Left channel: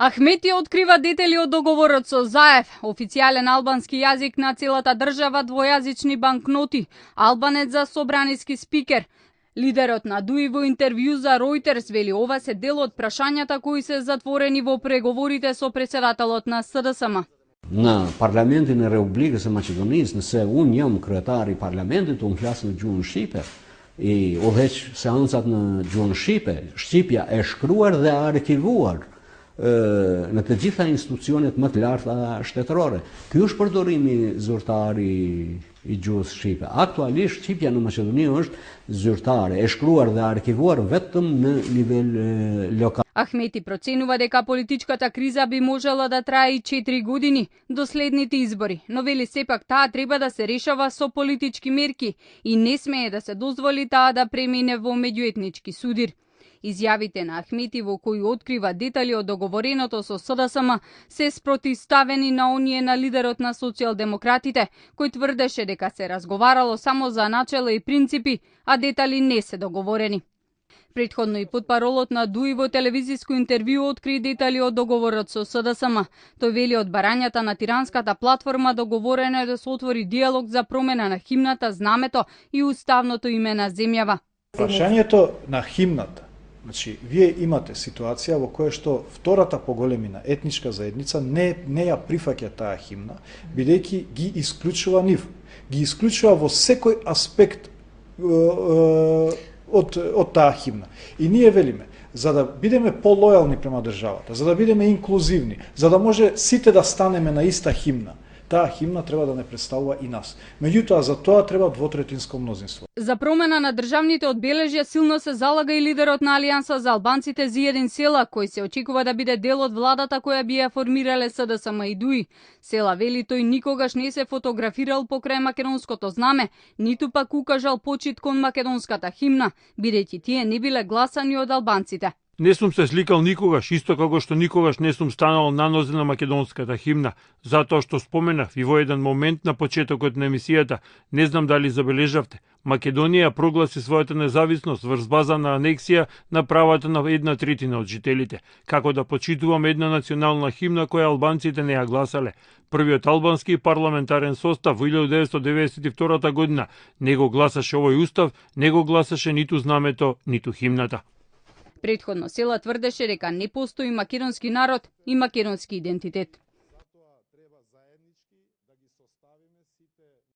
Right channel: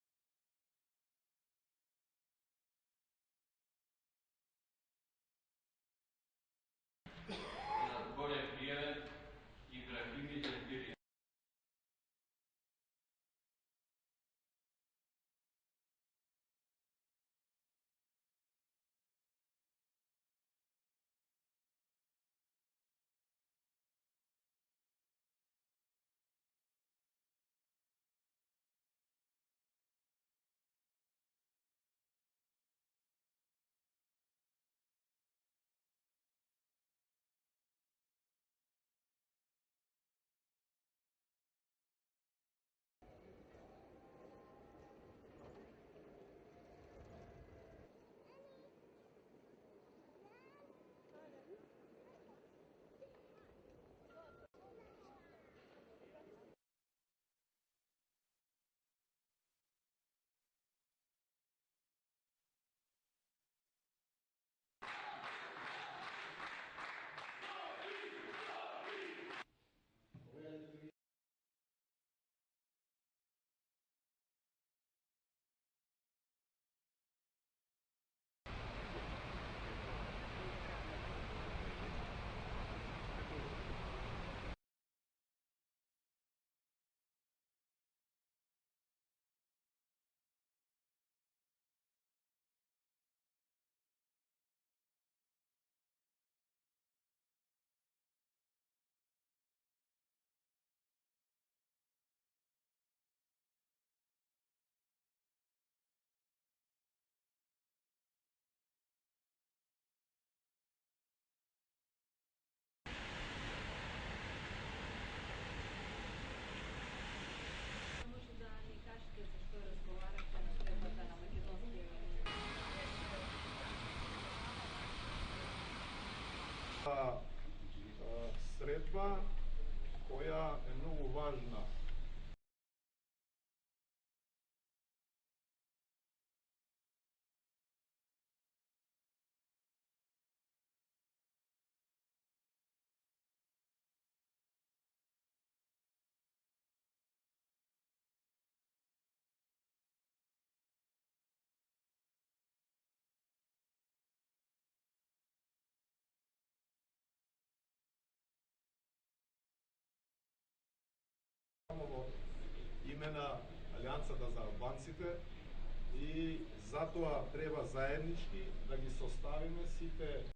Ахмети открива детали од договорот со Заев, официјален албански јазик на целата држава, двојазични банкноти, албанец за собраниски спикер. Лидерот на ДУИ во интервју за Reuters вели ова се дел од прашањата кои се затворени во преговорите со председателот на СДСМ. Në Parlamentin e Republikës së Maqedonisë, nëse unë jam kryetari i Parlamentit, unë flas në gjuhën shqipe, I udhëheq seancat në gjuhën shqipe, shqipja e shkruar dhe arkivuar në të gjitha institucionet më të larta shtetërore. Ky është përdorimi zyrtar I gjuhës shqipe. Aktualisht shqipja në Maqedoni është zyrtare, e shkruar dhe arkivuar vetëm në nivel lokal. Ахмети проценува дека политичката криза би можела да трае и 4 години до следните избори, но вели сепак таа треба да се решава со политички мерки и не смее да се дозволи таа да премине во меѓуетнички судир. Изјавите на Ахмети во кои открива детали од договореното со СДСМ се спротивставени на оние на лидерот на социјалдемократите, кој тврдеше дека се разговарало само за начела и принципи, а детали не се договорени. Претходно и потпаролот на ДУИ во телевизиско интервју откри детали од договорот со СДСМ. Тој вели од барањата на тиранската платформа договорено е да се отвори диалог за промена на химната, знамето и уставното име на земјава. Прашањето на химната. Значи, вие имате ситуација во која што втората поголемина етничка заедница не ја прифаќа таа химна, бидејќи ги исклучува нив. Ги исклучува во секој аспект од таа химна. И ние велиме, за да бидеме полојални према државата, за да бидеме инклузивни, за да може сите да станеме на иста химна, таа химна треба да не представува и нас. Меѓутоа, за тоа треба двотретинско мнозинство. За промена на државните одбележја силно се залага и лидерот на Алијанса за албанците Зиедин Села, кој се очекува да биде дел од владата која би ја формирале СДСМ и ДУИ. Села вели тој никогаш не се фотографирал покрај македонското знаме, ниту пак укажал почит кон македонската химна, бидејќи тие не биле гласани од албанците. Не сум се сликал никогаш, исто како што никогаш не сум станал на нозе на македонската химна, затоа што споменав и во еден момент на почетокот на емисијата, не знам дали забележавте, Македонија прогласи својата независност врз база на анексија на правата на 1/3 од жителите, како да почитуваме една национална химна која албанците не ја гласале. Првиот албански парламентарен состав во 1992 година не го гласаше овој устав, не го гласаше ниту знамето, ниту химната. Претходно Села тврдеше дека не постои македонски народ и македонски идентитет. Затоа треба заеднички